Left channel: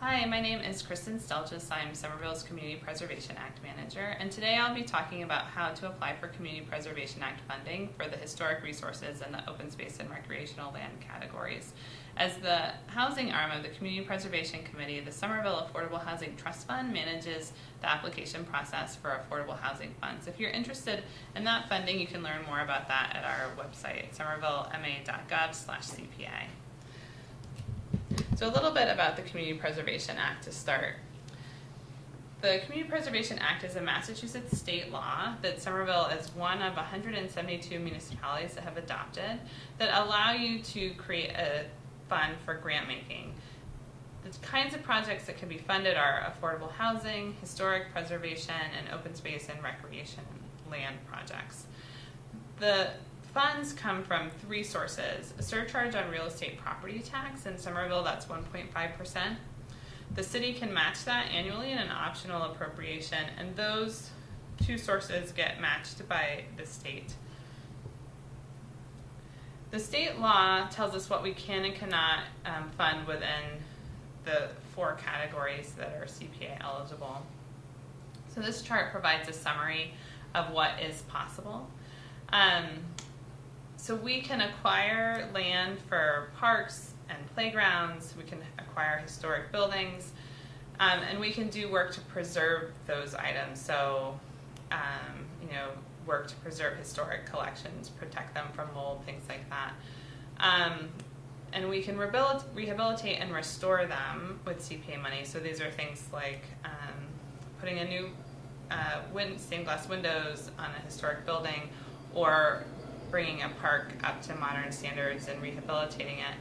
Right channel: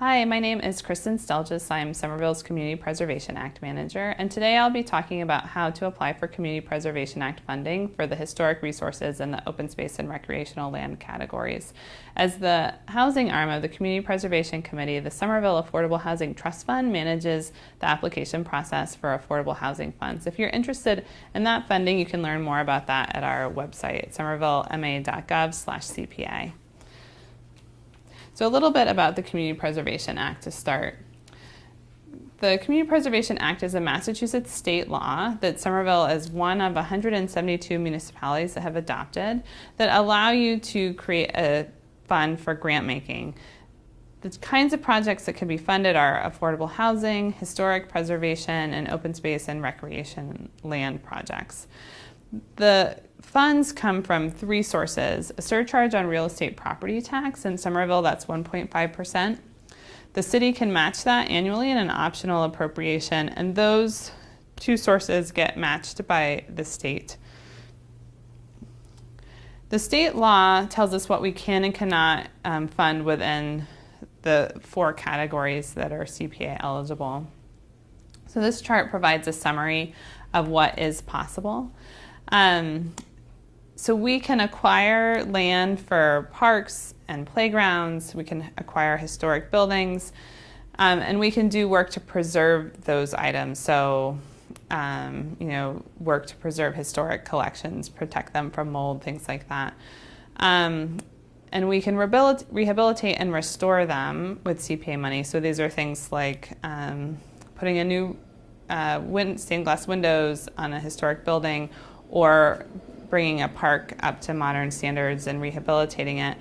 Hi, my name is Kristen Selljes. I'm Somerville's Community Preservation Act Manager, and today I'll be talking about how to apply for Community Preservation Act funding for the historic resources and the open space and recreational land categories. As the housing arm of the Community Preservation Committee, the Somerville Affordable Housing Trust Fund manages the application process for affordable housing funds. If you're interested in that funding, you can learn more about that at our website, somervillema.gov/CPA. So a little bit about the Community Preservation Act to start. The Community Preservation Act is a Massachusetts state law that Somerville is one of 172 municipalities that have adopted that allow you to create a fund for grant making. The kinds of projects that can be funded are affordable housing, historic preservation, and open space and recreation land projects. The funds come from three sources: a surcharge on real estate property tax. In Somerville, that's 1.5%. The city can match that annually in an optional appropriation, and those two sources get matched by the state. The state law tells us what we can and cannot fund within the four categories that are CPA eligible. So this chart provides a summary of what is possible. So we can acquire land for parks and playgrounds, we can acquire historic buildings, and we can do work to preserve those items. So, work to preserve historic collections, protect them from mold, things like that. And we can rehabilitate and restore them with CPA money. So these are things like putting a new stained glass windows on a historic building, or bringing a park up to modern standards and rehabilitating it.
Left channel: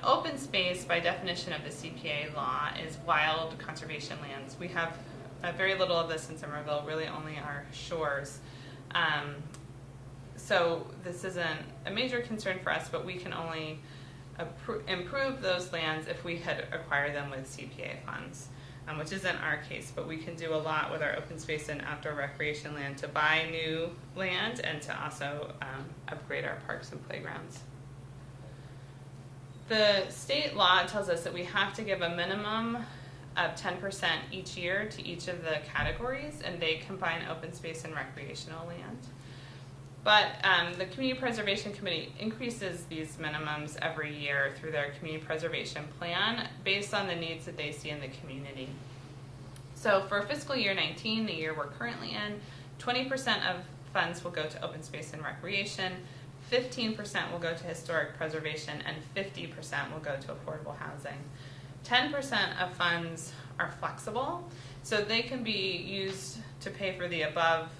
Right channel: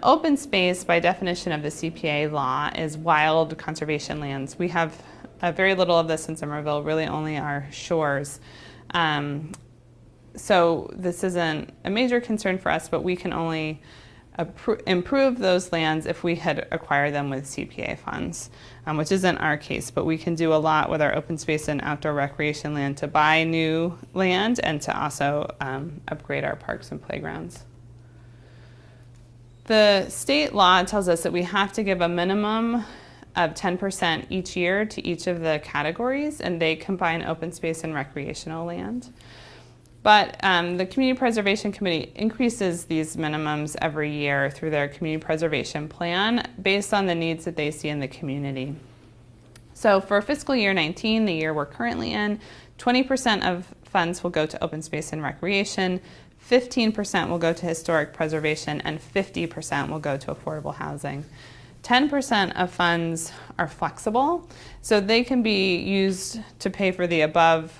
Open space, by definition of the CPA law, is wild conservation lands. We have very little of this in Somerville, really only our shores. So this isn't a major concern for us, but we can only improve those lands if we had acquired them with CPA funds, which isn't our case, but we can do a lot with our open space and outdoor recreation land to buy new land and to also upgrade our parks and playgrounds. The state law tells us that we have to give a minimum of 10% each year to each of the categories, and they combine open space and recreational land. But the Community Preservation Committee increases these minimums every year through their community preservation plan based on the needs that they see in the community. So for fiscal year 19, the year we're currently in, 20% of funds will go to open space and recreation, 15% will go to historic preservation, and 50% will go to affordable housing. 10% of funds are flexible, so they can be used to pay for the above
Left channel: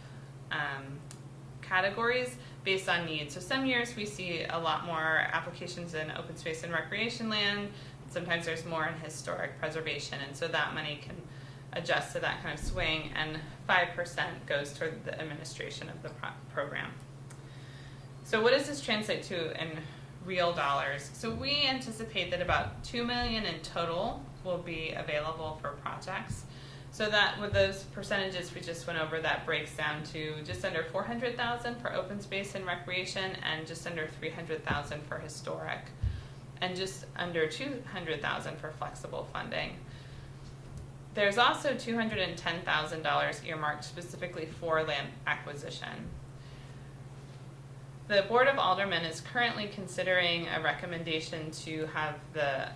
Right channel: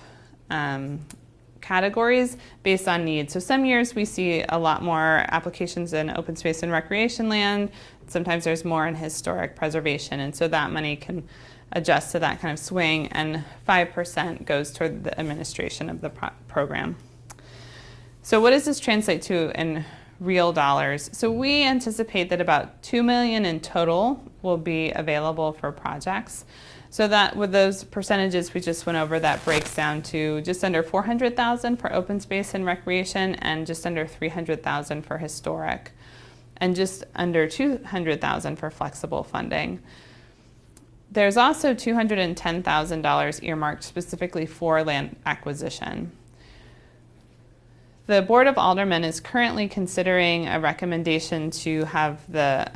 categories based on needs. So some years we see a lot more applications in open space and recreation land. Sometimes there's more in historic preservation, and so that money can adjust to that kind of swing, and 5% goes toward the administration of the program. So what does this translate to in real dollars? So we anticipate that about $2 million in total will be available for projects. So that with those percentages we just went over, that breaks down to just under $400,000 for open space and recreation, and just under $300,000 for historic, and just under $200,000 for flexible funding. There's also $210,000 earmarked specifically for land acquisition. The Board of Aldermen is currently considering a recommendation to have the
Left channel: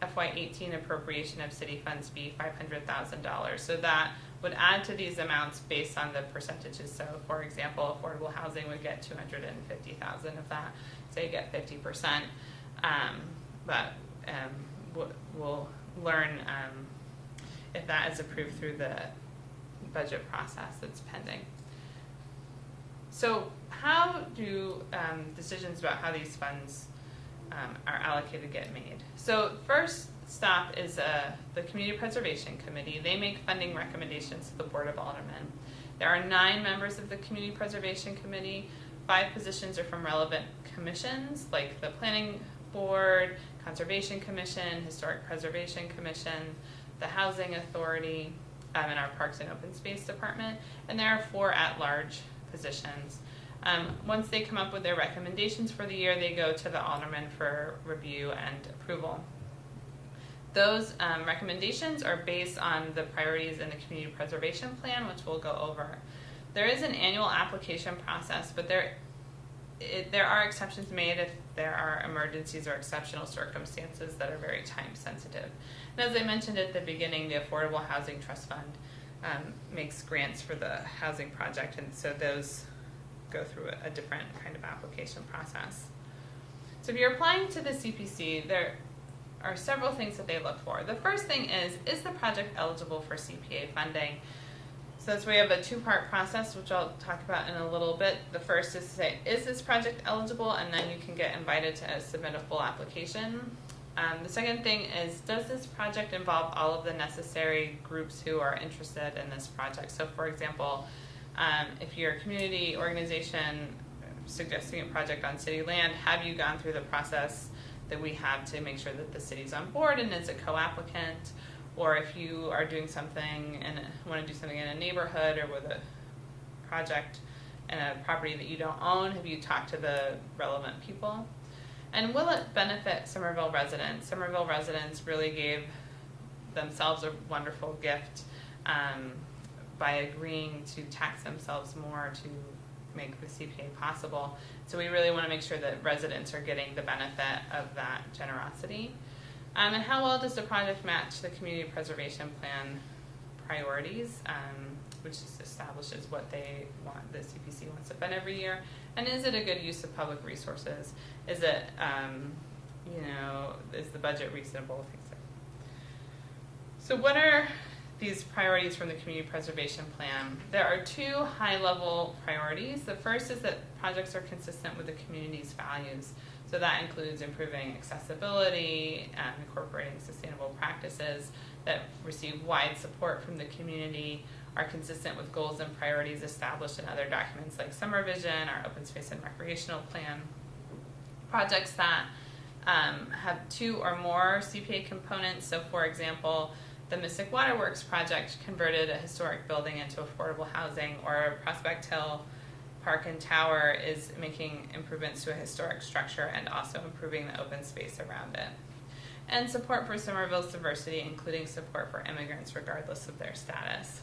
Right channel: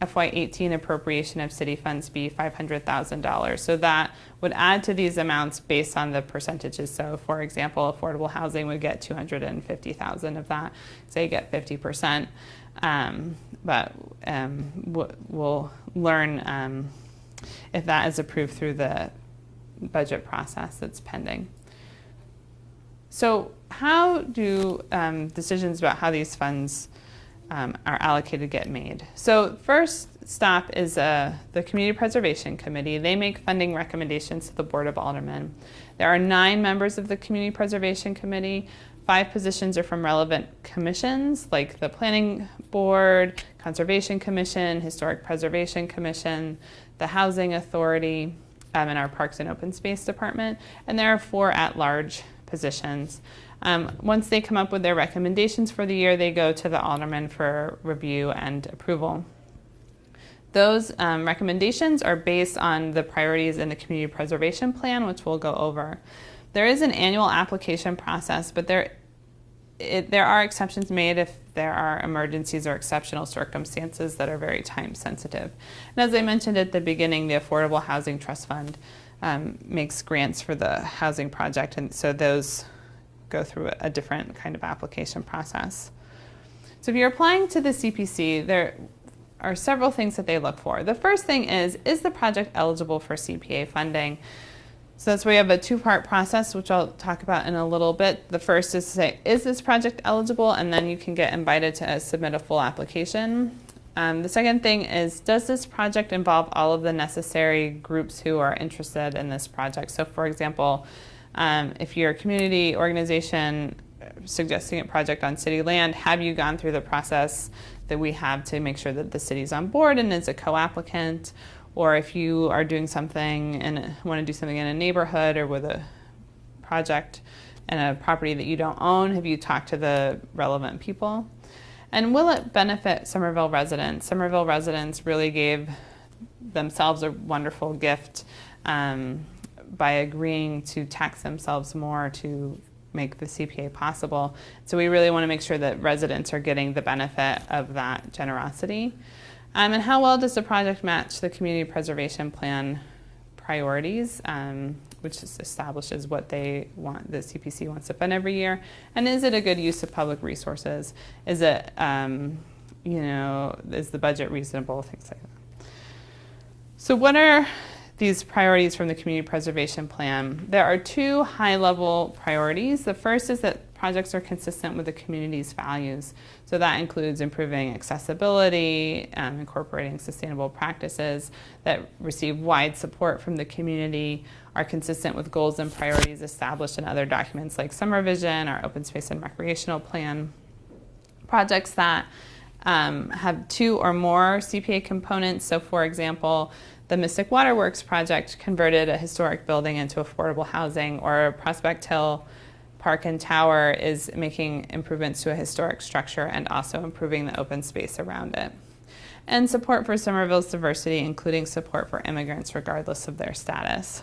FY18 appropriation of city funds be $500,000. So that would add to these amounts based on the percentages. So for example, affordable housing would get $250,000 of that. Say you get 50%. But we'll learn if that is approved through the budget process that's pending. So how do decisions about how these funds are allocated get made? So first stop is the Community Preservation Committee. They make funding recommendations to the Board of Aldermen. There are 9 members of the Community Preservation Committee. 5 positions are from relevant commissions like the Planning Board, Conservation Commission, Historic Preservation Commission, the Housing Authority, and our Parks and Open Space Department. And there are 4 at-large positions. Once they come up with their recommendations for the year, they go to the alderman for review and approval. Those recommendations are based on the priorities in the community preservation plan, which we'll go over. There is an annual application process, but there are exceptions made if there are emergencies or exceptional circumstances that are very time sensitive. And as I mentioned at the beginning, the Affordable Housing Trust Fund makes grants for the housing project, and so those go through a different kind of application process. So if you're applying to the CPC, there are several things that they look for. The first thing is the project eligible for CPA funding? So that's where we have a two-part process, which I'll talk about in a little bit. The first is to say, is this project eligible? And then you can get invited to submit a full application. The second thing is, does this project involve all of the necessary groups who are interested in this project? So for example, if you're a community organization suggesting a project on city land, have you gone through the process that we have to make sure that the city's on board and is a co-applicant? Or if you are doing something and want to do something in a neighborhood or with a project and a property that you don't own, have you talked to the relevant people? And will it benefit Somerville residents? Somerville residents really gave themselves a wonderful gift by agreeing to tax themselves more to make the CPA possible. So we really want to make sure that residents are getting the benefit of that generosity. And how well does the project match the community preservation plan priorities, which establishes what they want, the CPC wants to fund every year? And is it a good use of public resources? Is it, is the budget reasonable? Things like that. So what are these priorities from the community preservation plan? There are two high-level priorities. The first is that projects are consistent with the community's values. So that includes improving accessibility, incorporating sustainable practices that receive wide support from the community, are consistent with goals and priorities established in other documents like Summer Vision, our open space and recreational plan. Projects that have two or more CPA components. So for example, the Mystic Waterworks project converted a historic building into affordable housing, or Prospect Hill Park and Tower is making improvements to a historic structure and also improving the open space around it. And support for Somerville's diversity, including support for immigrants regardless of their status.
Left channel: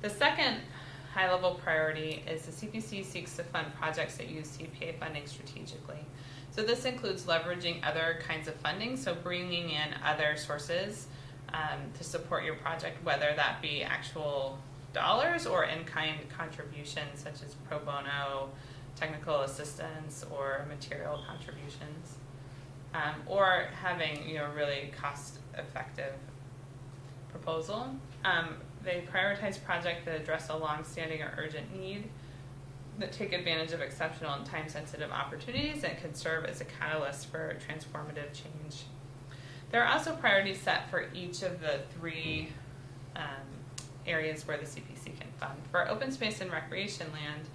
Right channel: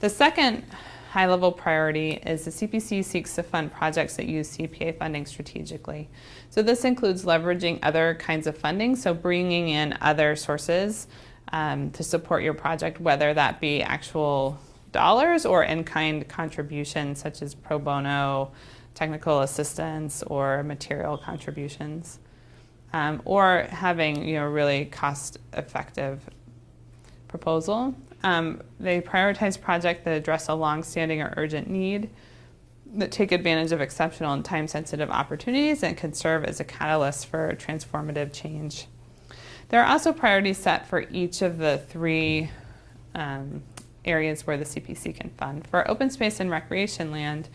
The second high-level priority is the CPC seeks to fund projects that use CPA funding strategically. So this includes leveraging other kinds of funding, so bringing in other sources to support your project, whether that be actual dollars or in-kind contributions such as pro bono, technical assistance, or material contributions, or having a really cost-effective proposal. They prioritize projects that address a long-standing or urgent need, that take advantage of exceptional and time-sensitive opportunities, and can serve as a catalyst for transformative change. There are also priorities set for each of the three areas where the CPC can fund. For open space and recreation land,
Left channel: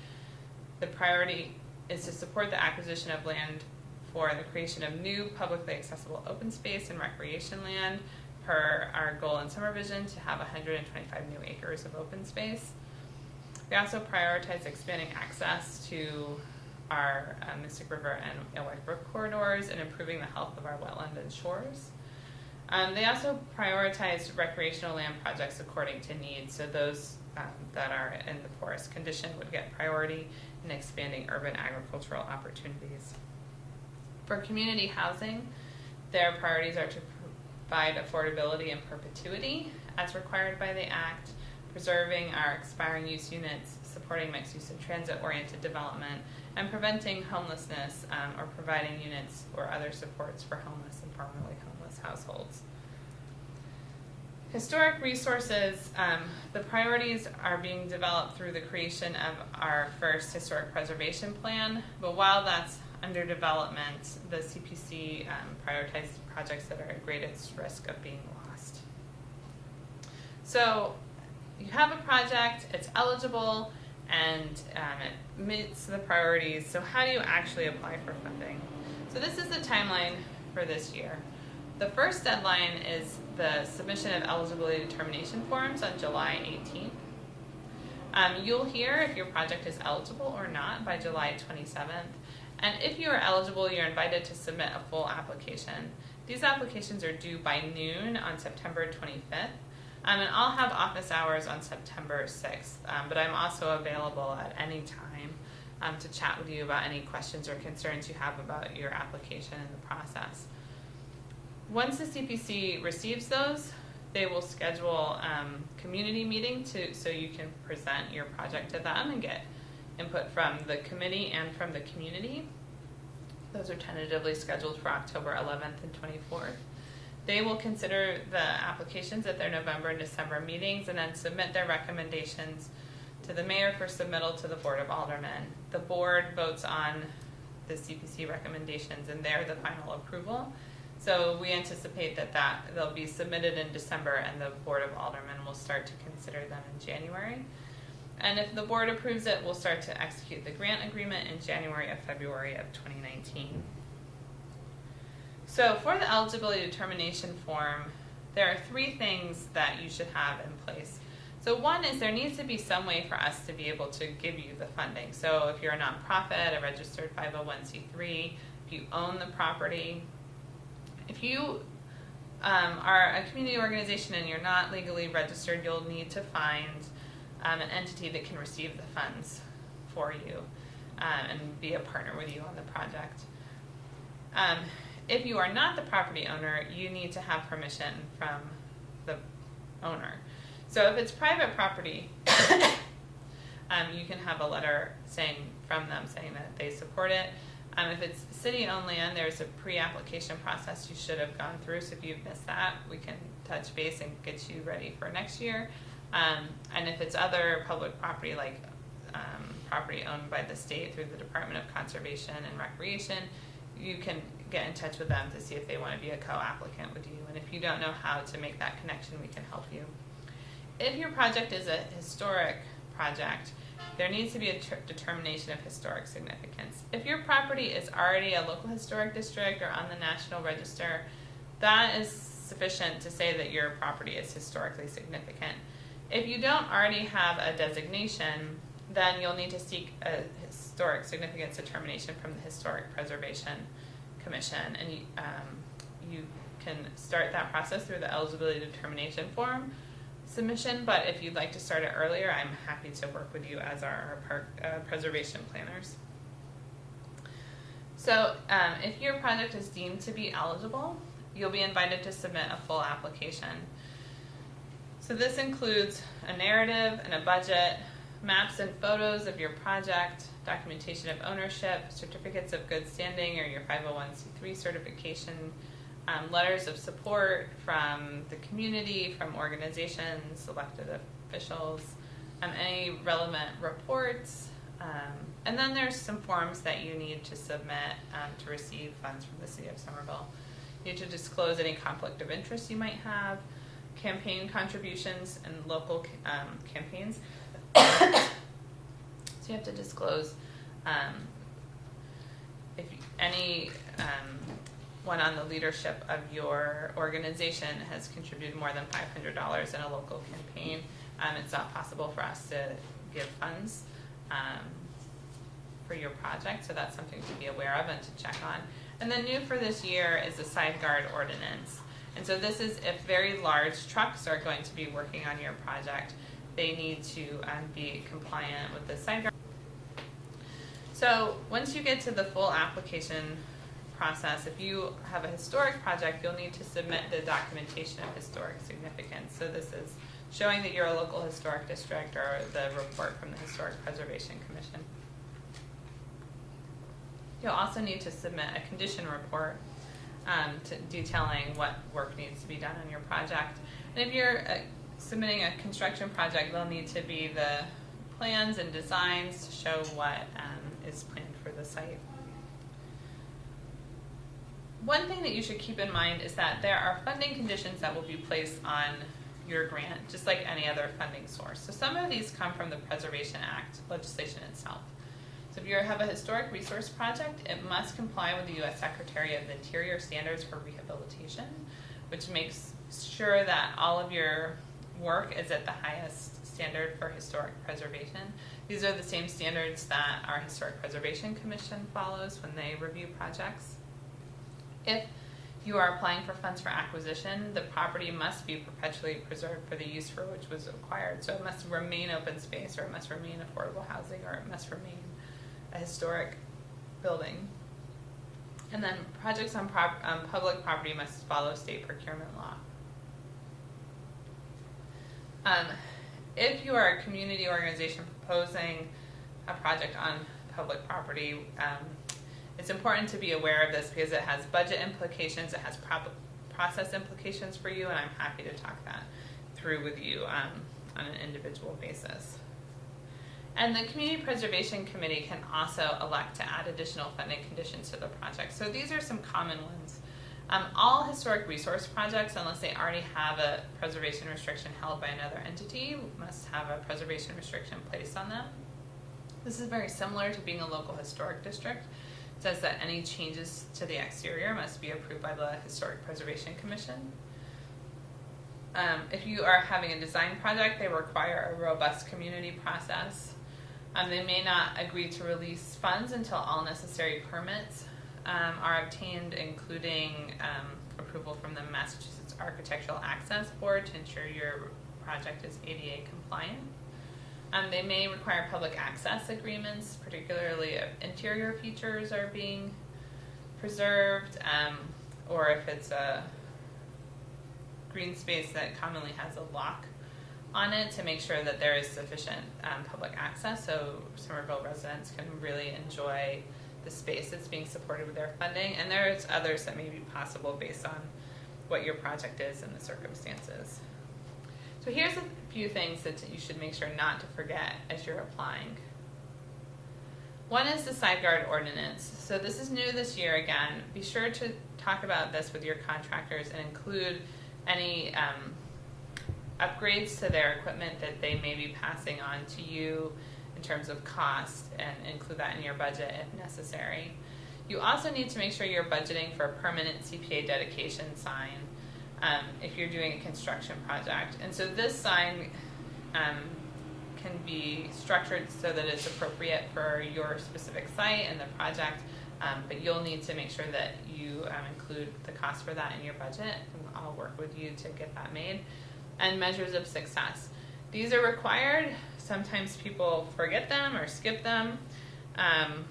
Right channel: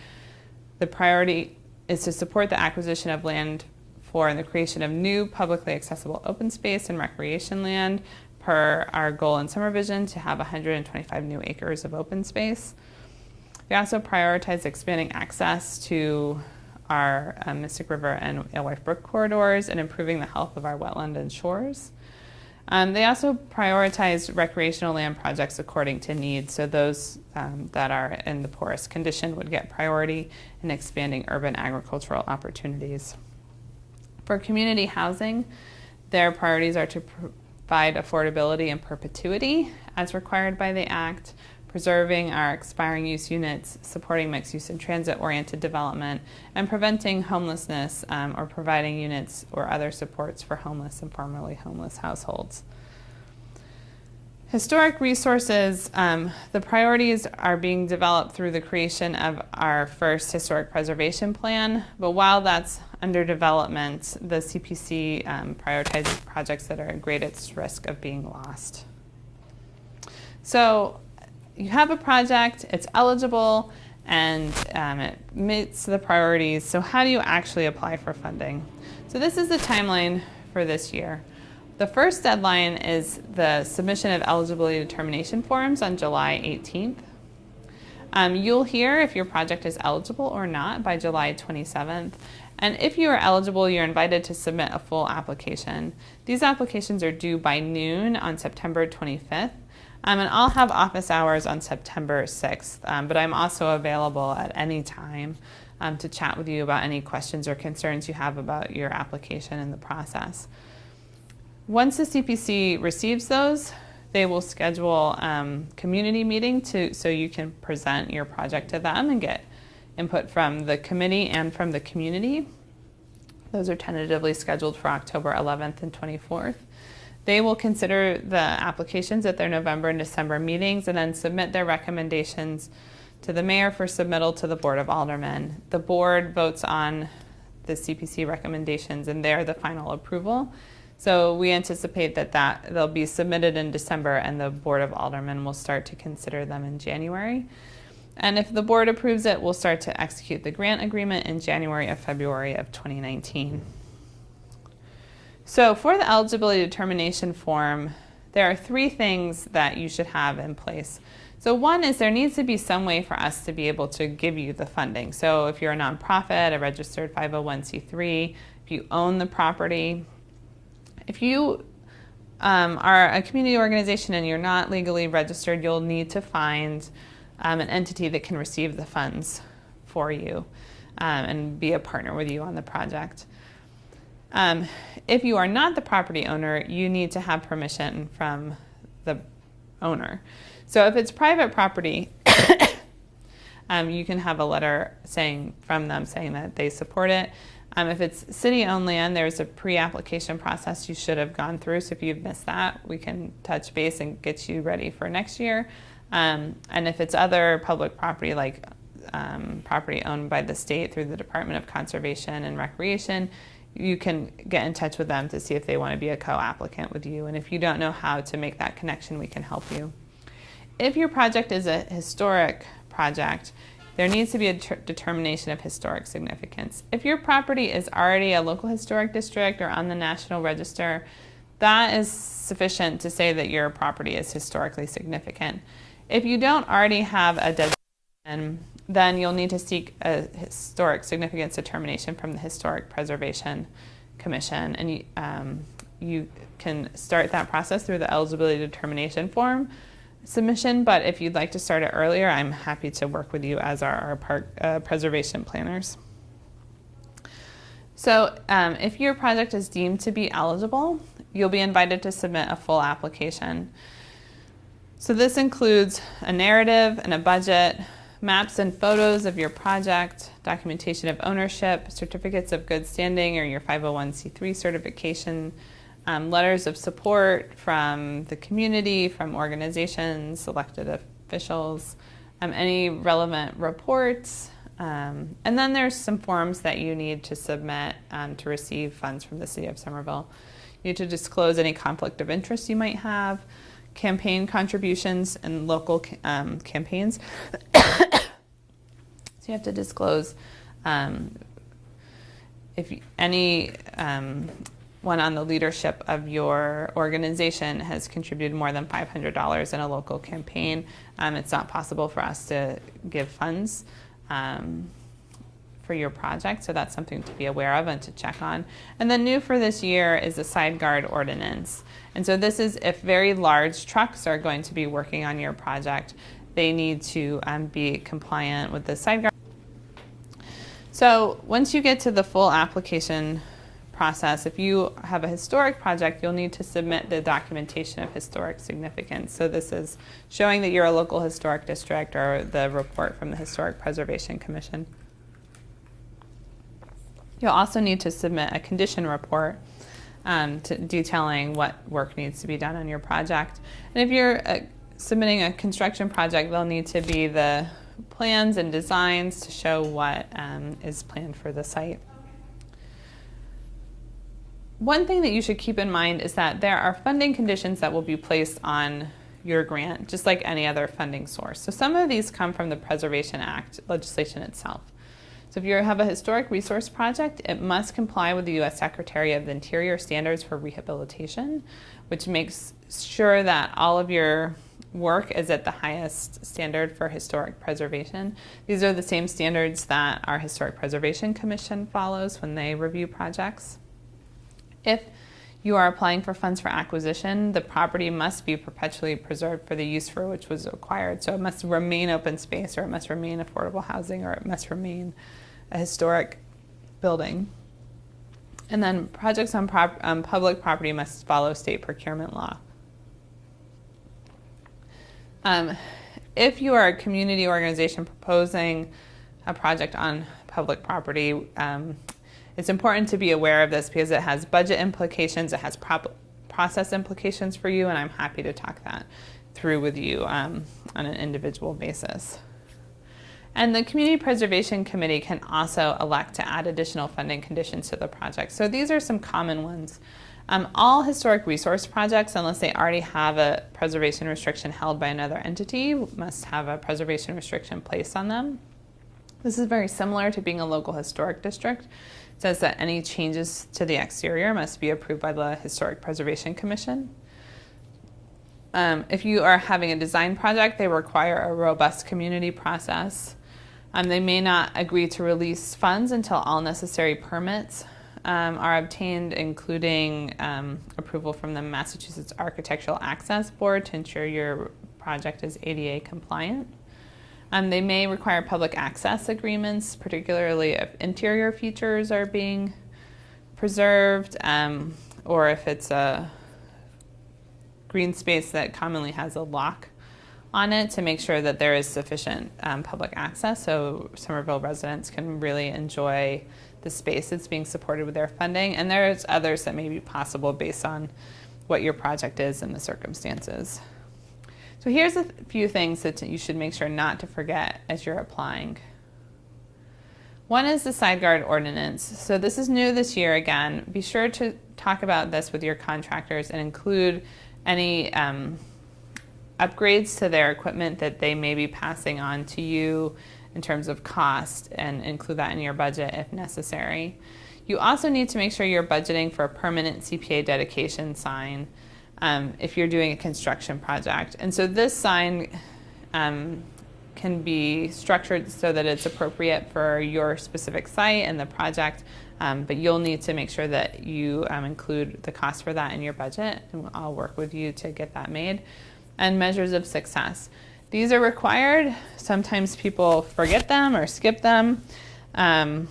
the priority is to support the acquisition of land for the creation of new publicly accessible open space and recreation land, per our goal in Summer Vision to have 125 new acres of open space. We also prioritize expanding access to our Mystic River and Alewife Brook corridors and improving the health of our wetland and shores. They also prioritize recreational land projects according to needs, so those that are in the poorest condition would get priority in expanding urban agricultural opportunities. For community housing, their priorities are to provide affordability and perpetuity as required by the Act, preserving our expiring use units, supporting mixed use and transit-oriented development, and preventing homelessness or providing units or other supports for homeless and formerly homeless households. Historic resources, the priorities are being developed through the creation of our first historic preservation plan, but while that's under development, the CPC prioritizes projects that are at greatest risk of being lost. So you have a project, it's eligible, and it meets the priorities. So how do you actually apply for funding? So this is the timeline for this year. The first deadline is the submission of eligibility determination forms on July 18th. You'll hear if your project is eligible or not by July 27th. And if you are eligible, you're invited to submit a full application. These applications are due by noon on September 25th. And I'll have office hours on September 6th, but I'm also available at any time to chat with you about any questions or concerns you have about your application and the process. Once the CPC receives those, they will schedule a community meeting so you can present your project to them and get input from the committee and from the community. Those are tentatively scheduled for October 11th and 24th. They will consider the applications at their November and December meetings and then submit their recommendations to the mayor for submittal to the Board of Aldermen. The board votes on the CPC recommendations and they're the final approval. So we anticipate that they'll be submitted in December and the Board of Aldermen will start to consider them in January. And if the board approves it, we'll start to execute the grant agreement in January or February of 2019. So for the eligibility determination form, there are 3 things that you should have in place. So one is there needs to be some way for us to be able to give you the funding. So if you're a nonprofit, a registered 501c3, if you own the property, if you are a community organization and you're not legally registered, you'll need to find an entity that can receive the funds for you and be a partner with you on the project. If you are not the property owner, you need to have permission from the owner. So if it's private property, you can have a letter from them saying that they support it. If it's city-owned land, there's a pre-application process you should have gone through. So if you've missed that, we can touch base and get you ready for next year. And if it's other public property, like property owned by the state through the Department of Conservation and Recreation, you can get in touch with them to see if they want to be a co-applicant with you. And if you don't know how to make that connection, we can help you. If your project is a historic project, there needs to be a determination of historic significance. If your property is already a local historic district or on the National Register, that is sufficient to say that your property is historically significant. If you don't already have a designation, then you'll need to seek a historic significance determination from the Historic Preservation Commission, and you can start that process through the eligibility determination form submission, but if you'd like to start it earlier, I'm happy to work with you as our park preservation planners. So if your project is deemed to be eligible, you'll be invited to submit a full application. So this includes a narrative and a budget, maps and photos of your project, documentation of ownership, certificates of good standing or your 501c3 certification, letters of support from the community, from organizations, elected officials, any relevant reports, and then there's some forms that you need to submit to receive funds from the City of Somerville. You need to disclose any conflict of interest you might have, campaign contributions and local campaigns. So you have to disclose if any one on the leadership of your organization has contributed more than $500 in a local campaign. It's not possible for us to give funds for your project, so that's something to be aware of and to check on. And then new for this year is the side guard ordinance. And so this is if very large trucks are going to be working on your project, they need to be compliant with the side guard. So once you get to the full application process, if you have a historic project, you'll need to submit the documentation of historic significance. So this is showing that you're a local historic district or the report from the Historic Preservation Commission. You'll also need to submit a condition report detailing what work needs to be done on your project. And if you're submitting a construction project, there'll need to be the plans and designs to show what is planned for the site. One thing that you should keep in mind is that there are funding conditions that will be placed on your grant, just like any other funding source. So some of these come from the Preservation Act legislation itself. So if you have a historic resource project, it must comply with the U.S. Secretary of the Interior standards for rehabilitation, which makes sure that all of your work is at the highest standard for historic preservation. These are the same standards that our Historic Preservation Commission follows when they review projects. If you are applying for funds for acquisition, the property must be perpetually preserved for the use for which was acquired. So it must remain open space, or it must remain affordable housing, or it must remain a historic building. And then projects on public property must follow state procurement law. If you are a community organization proposing a project on public property, it's important to be aware of this because it has budget implications, it has process implications for you, and I'm happy to talk that through with you on an individual basis. And the Community Preservation Committee can also elect to add additional funding conditions to the project. So these are some common ones. All historic resource projects, unless they already have a preservation restriction held by another entity, must have a preservation restriction placed on them. This is very similar to being a local historic district. It says that any changes to the exterior must be approved by the Historic Preservation Commission. If you are having a design project, they require a robust community process. They may not agree to release funds until all necessary permits are obtained, including approval from the Massachusetts Architectural Access Board to ensure your project is ADA compliant. They may require public access agreements, particularly if interior features are being preserved, or if it's a green space that commonly has a lock on it, to make sure that there is sufficient public access so Somerville residents can really enjoy the space that's being supported with their funding. And there's others that may be possible based on what your project is and the circumstances. So here's a few things that you should make sure not to forget as you're applying. One is the side guard ordinance. So this is new this year again. Be sure to talk about this with your contractors and include any upgrades to their equipment that they may be passing on to you in terms of cost, and include that in your budget if necessary. You also need to make sure you're budgeting for a permanent CPA dedication sign if you're doing a construction project. And so this sign can be structured so that it's appropriate for your specific site and the project, but you'll need to make sure that you include the cost for that in your budget, and I'll work with you to get that made. And measures of success. These are required. Sometimes people forget them or skip them. And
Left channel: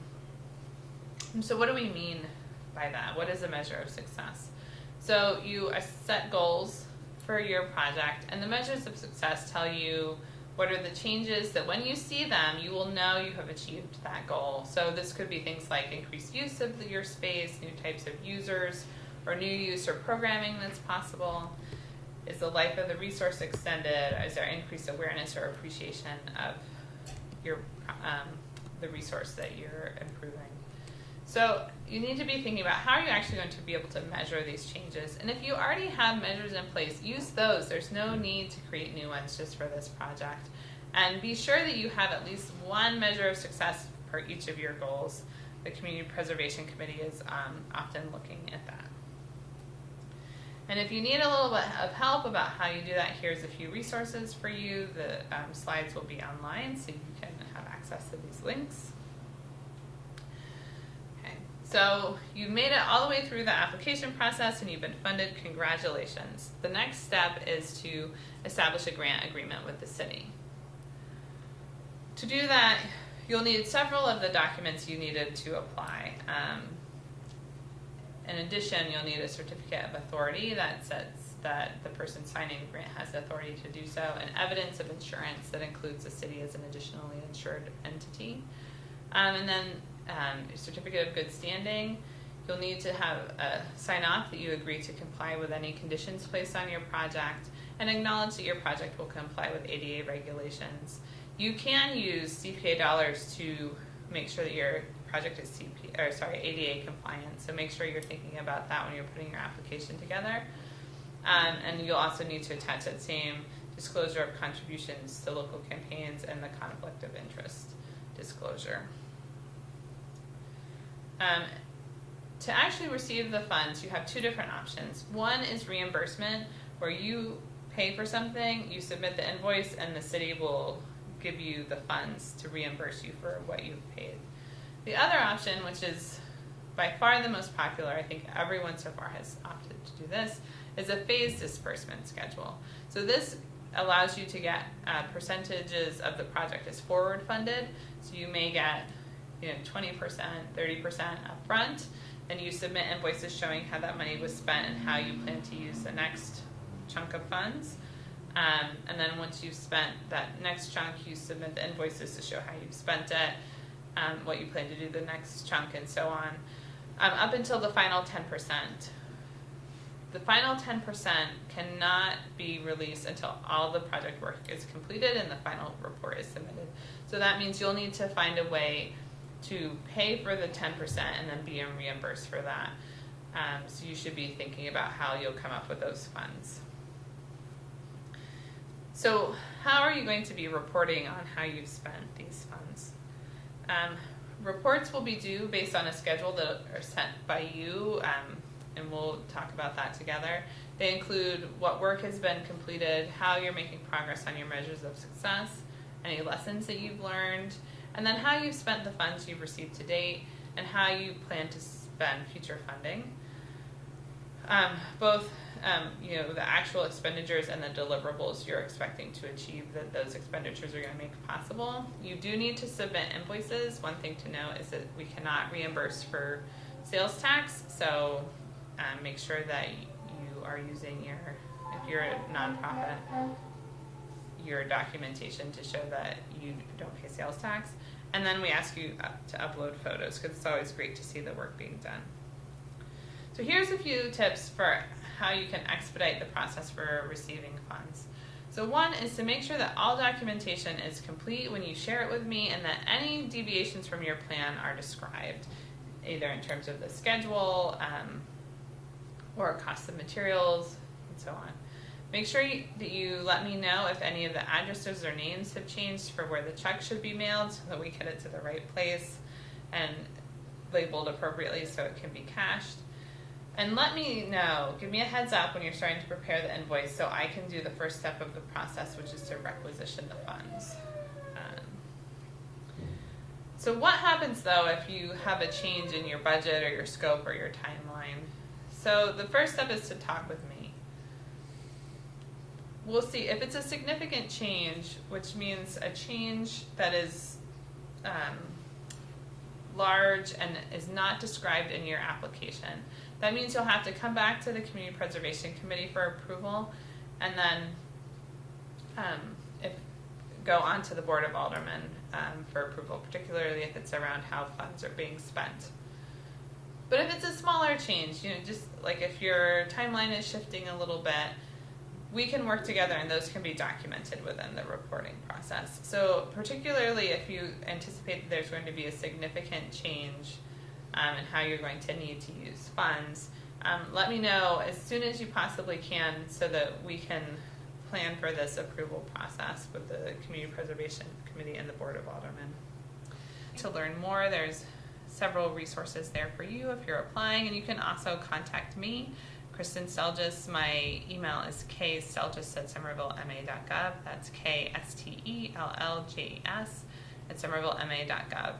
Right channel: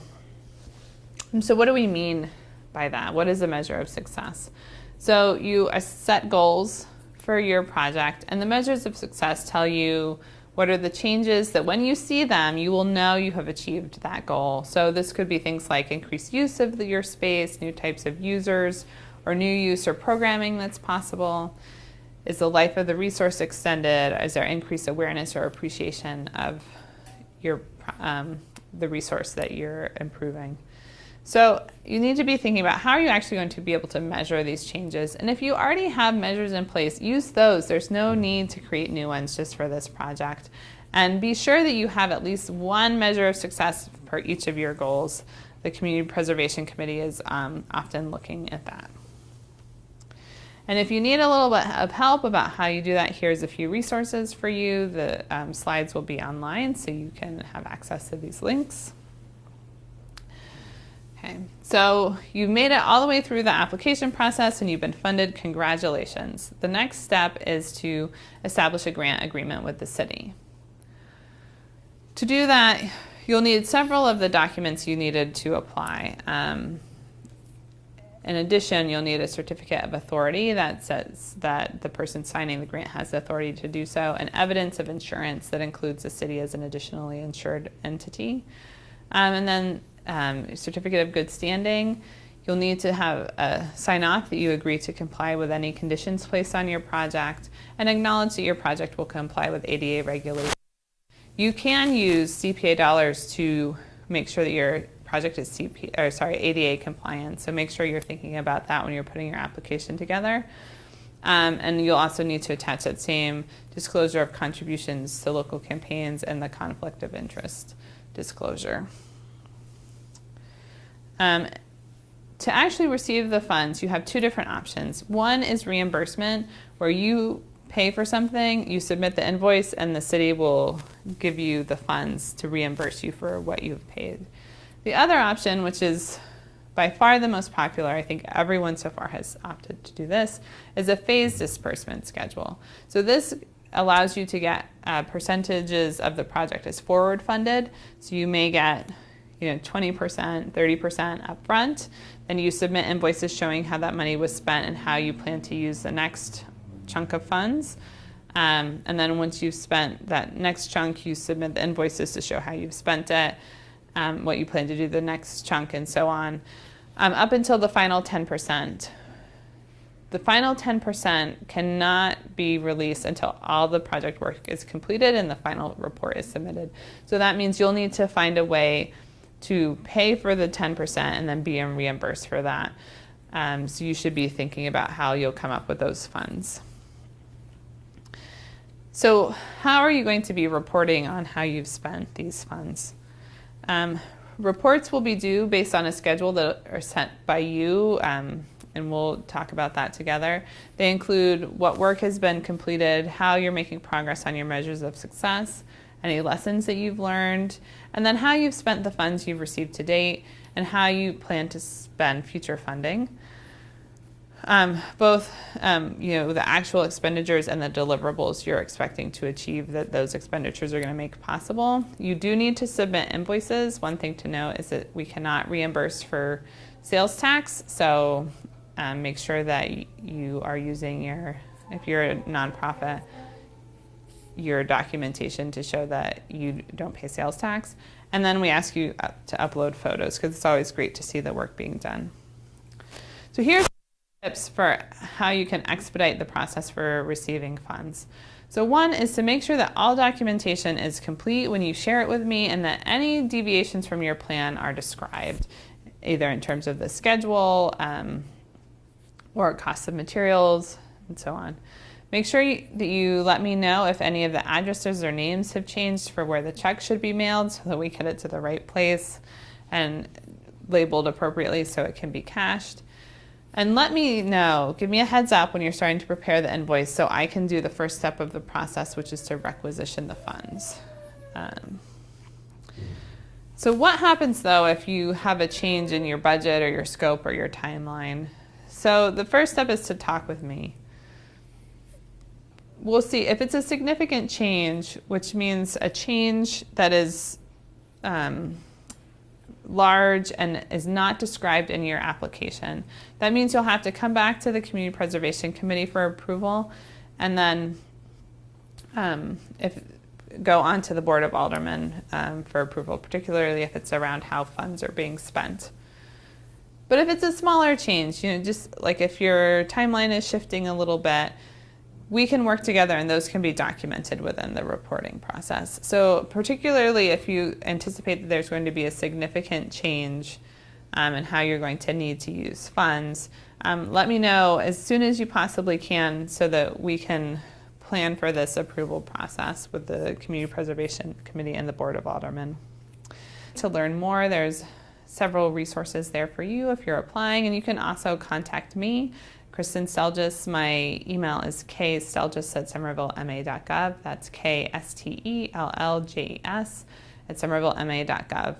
so what do we mean by that? What is a measure of success? So you set goals for your project, and the measures of success tell you what are the changes that when you see them, you will know you have achieved that goal. So this could be things like increased use of your space, new types of users, or new use or programming that's possible. Is the life of the resource extended? Is there increased awareness or appreciation of your the resource that you're improving? So you need to be thinking about how are you actually going to be able to measure these changes. And if you already have measures in place, use those. There's no need to create new ones just for this project. And be sure that you have at least one measure of success for each of your goals. The Community Preservation Committee is often looking at that. And if you need a little bit of help about how you do that, here's a few resources for you. The slides will be online, so you can have access to these links. Okay, so you've made it all the way through the application process and you've been funded. Congratulations. The next step is to establish a grant agreement with the city. To do that, you'll need several of the documents you needed to apply. In addition, you'll need a certificate of authority that says that the person signing the grant has the authority to do so, and evidence of insurance that includes the city as an additionally insured entity. And then a certificate of good standing. You'll need to have a sign off that you agree to comply with any conditions placed on your project and acknowledge that your project will comply with ADA regulations. You can use CPA dollars to make sure that your project is ADA compliant, so make sure you're thinking about that when you're putting your application together. And you'll also need to attach that same disclosure of contributions to local campaigns and the conflict of interest disclosure. To actually receive the funds, you have two different options. One is reimbursement, where you pay for something, you submit the invoice and the city will give you the funds to reimburse you for what you've paid. The other option, which is by far the most popular, I think everyone so far has opted to do this, is a phased disbursement schedule. So this allows you to get percentages of the project as forward funded. So you may get 20%, 30% up front, and you submit invoices showing how that money was spent and how you plan to use the next chunk of funds. And then once you've spent that next chunk, you submit the invoices to show how you've spent it, what you plan to do the next chunk, and so on, up until the final 10%. The final 10% cannot be released until all the project work is completed and the final report is submitted. So that means you'll need to find a way to pay for the 10% and then be reimbursed for that. So you should be thinking about how you'll come up with those funds. So how are you going to be reporting on how you've spent these funds? Reports will be due based on a schedule that are sent by you, and we'll talk about that together. They include what work has been completed, how you're making progress on your measures of success, any lessons that you've learned, and then how you've spent the funds you've received to date and how you plan to spend future funding. Both the actual expenditures and the deliverables you're expecting to achieve that those expenditures are going to make possible. You do need to submit invoices. One thing to note is that we cannot reimburse for sales tax, so make sure that you are using if you're a nonprofit, your documentation to show that you don't pay sales tax. And then we ask you to upload photos because it's always great to see the work being done. So here's a few tips for how you can expedite the process for receiving funds. So one is to make sure that all documentation is complete when you share it with me and that any deviations from your plan are described, either in terms of the schedule or cost of materials and so on. Make sure that you let me know if any of the addresses or names have changed for where the check should be mailed so that we get it to the right place and labeled appropriately so it can be cashed. And let me know, give me a heads up when you're starting to prepare the invoice so I can do the first step of the process, which is to requisition the funds. So what happens though if you have a change in your budget or your scope or your timeline? So the first step is to talk with me. We'll see if it's a significant change, which means a change that is large and is not described in your application. That means you'll have to come back to the Community Preservation Committee for approval and then go on to the Board of Aldermen for approval, particularly if it's around how funds are being spent. But if it's a smaller change, just like if your timeline is shifting a little bit, we can work together and those can be documented within the reporting process. So particularly if you anticipate that there's going to be a significant change in how you're going to need to use funds, let me know as soon as you possibly can so that we can plan for this approval process with the Community Preservation Committee and the Board of Aldermen. To learn more, there's several resources there for you if you're applying, and you can also contact me, Kristen Selljes. My email is kseljes@somervillema.gov. That's KSTELLJES@somervillema.gov.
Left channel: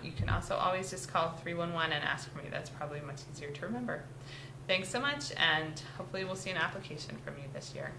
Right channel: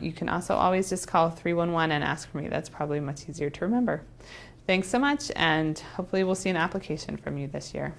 You can also always just call 311 and ask for me. That's probably much easier to remember. Thanks so much, and hopefully we'll see an application from you this year.